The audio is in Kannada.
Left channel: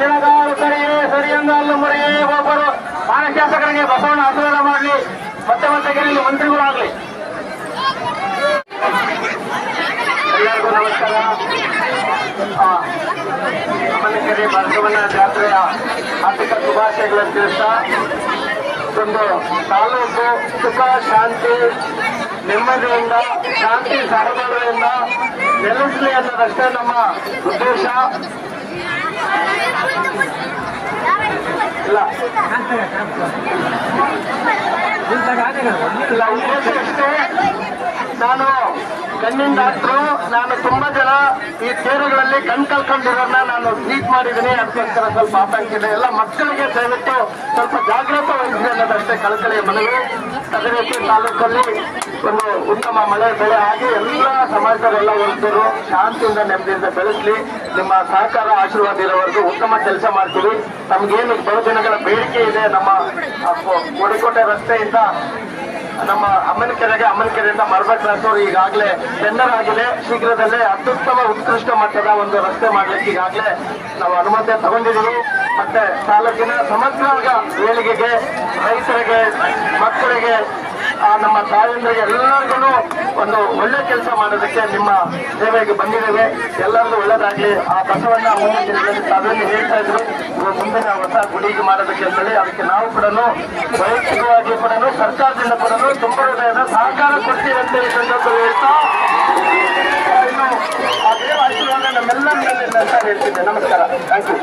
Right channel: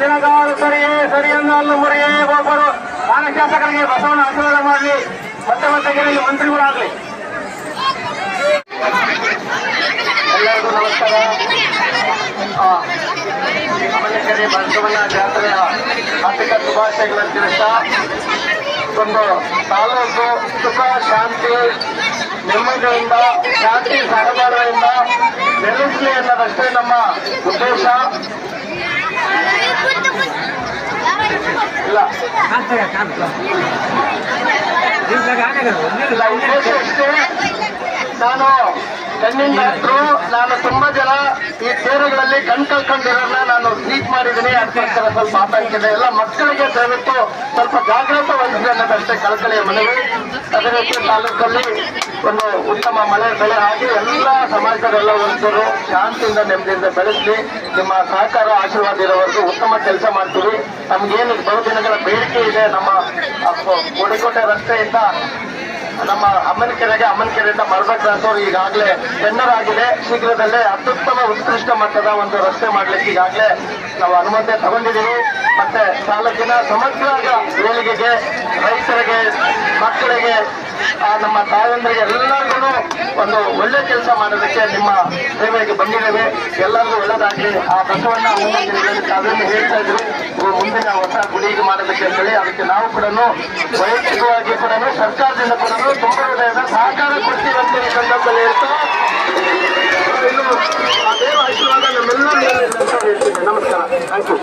ದಿನಗಾಲುಕರಿಗೆ ಸರಿಯನ್ನು ಅಲ್ಲು ಮುರಿಯೇ ಒಬ್ಬರು ಮಾನ್ಯ ಶಾಸಕರಿಗೆ ಬಸವಣ್ಣ ಆಶೀರ್ವಾದ ಮಾಡಲಿ. ಮತ್ತೆ ಮತ್ತೆ ಗೆಲ್ಲಿ ಮಂತ್ರಿಗಳಾಗಲಿ. ಎಲ್ಲರಿಗೂ ನಮಸ್ಕಾರ. ಅಮ್ಮನಕೆರೆ ಬಸವಣ್ಣ ಜಾತ್ರೆಯ ಹಾರ್ದಿಕ ಶುಭಾಶಯಗಳನ್ನು ತಿಳಿಸ್ತಾ, ಒಂದು ತಾಲೂಕು ಸುಖ ಶಾಂತಿ ನೆಮ್ಮದಿಯಿಂದ ಶಾಂತಿ ಸಡಗರದಿಂದ ನೆಲೆಸಲಿ ಅನ್ನೋದಷ್ಟೇ ನಮ್ಮ ಉದ್ದೇಶ. ಉದ್ದೇಶ ಇಷ್ಟೇ. ನಾನು ಕಣ್ಣಿನ ಡಾಕ್ಟ್ರು. ನಾನು ತುಂಬಾ ಜನ ಈ ತೇರುಗಳಲ್ಲಿ ಕಣ್ ಕಳ್ಕೊಂಡಿರೋನ್ನ ನಾನು ಟ್ರೀಟ್ ಮಾಡಿದ್ದೀನಿ. ಅದಕ್ಕೋಸ್ಕರ ಸ್ವಲ್ಪ ಆತಂಕಿದೆ. ಎಲ್ಲ ಮಕ್ಕಳಿಗೆ ದಯವಿಟ್ಟು ಸ್ವಲ್ಪ ಜಾಗೃತ ವಹಿಸಿ ಅನ್ನೋದಷ್ಟೇ ಕಳಕಳಿಯ ಮನವಿ. ಅದೇ ರೀತಿ ತಾಲೂಕಲ್ಲಿ ಒಂದು ಉತ್ತಮ ಮಳೆ ಬೆಳೆ ಆಗಿ ಎಲ್ಲ ಸಮಾಜದವರೆಲ್ಲ ವರ್ಗರು ಶಾಂತಿಯಿಂದ ನೆಮ್ಮದಿಯಿಂದ ಬೆಳೆಸಲಿ. ನಿಮ್ಮ ಸಹಕಾರ ಆಶೀರ್ವಾದ ಇರೋವರೆಗೂ ಉತ್ತಮ ಕೆಲಸ ಮಾಡ್ತೀವಿ. ನಮ್ಗೇನು ಬಹುದಿನಗಳ ಬೇಡಿಕೆ ಇದೆ. ನಮ್ಮ ಕೋಡಿಕೋಟೆ ರಸ್ತೆಯಿಂದ ನಮ್ಮ ಅಮ್ಮನಕೆರೆಯಿಂದ ಮರಬಕ್ ರಸ್ತೆ ಈಗಾಗಲೇ ಟೆಂಡರ್ ಆಗಿದೆ. ಶೀಘ್ರದಲ್ಲೇ ಅತ್ಯುತ್ತಮ ಉತ್ಕೃಷ್ಟ ಮಟ್ಟದ ಒಂದು ರಸ್ತೆ ಮಾಡ್ಲಿಕ್ಕೆ ಈಗಾಗಲೇ ನಾವು ಅನುಮತಿ ತಗೊಂಡಿದ್ದೀವಿ. ಮತ್ತೆ ತಾಲೂಕಿನ ಸಮಗ್ರ ಏಳಿಗೆಗೆ, ರೈತರಿಗೆ, ಮಕ್ಕಳಿಗೆ, ನಮ್ಮ ತಾಯಂದರಿಗೆ ಎಲ್ಲರಿಗೂ ಒಂದು ಒಳ್ಳೆ ಕೆಲಸ ಮಾಡೋದಕ್ಕೆ ನಿಮ್ಮ ಸೇವೆಗೆ ಬಂದಿದ್ದೇವೆ. ಎಲ್ಲರಿಗೂ ಒಳ್ಳೇದಾಗಲಿ. ಆ ಬಸವಣ್ಣ ಅದನ್ನು ಹೇಳ್ತಾ ಇದ್ರು, ಮುಂದಿನ ಹೊಸ ಗುಡಿಗೆ ಮಾಡೋದಕ್ಕೆ ಅಂತೇಳಿ. ಅದಕ್ಕೆ ನಾವು ಕೂಡ ವೈಯಕ್ತಿಕವಾಗಿ ಕೂಡ ಸರ್ಕಾರದಿಂದ ಕೂಡ ತುಂಬ ಹೃದಯದ ಸಹಕಾರ ಕೊಡ್ತೀವಿ ಅಂತೇಳಿ ಸಂದರ್ಭದಲ್ಲಿ ಹೇಳ್ತಾ, ಇನ್ನು ಆ ದೇವ ಆಶೀರ್ವಾದ ನಮ್ಮೆಲ್ಲ ಮೇಲೆ ಅಂತ ಹೇಳ್ತಿದ್ದೆ. ನಮಸ್ಕಾರ. Thank you.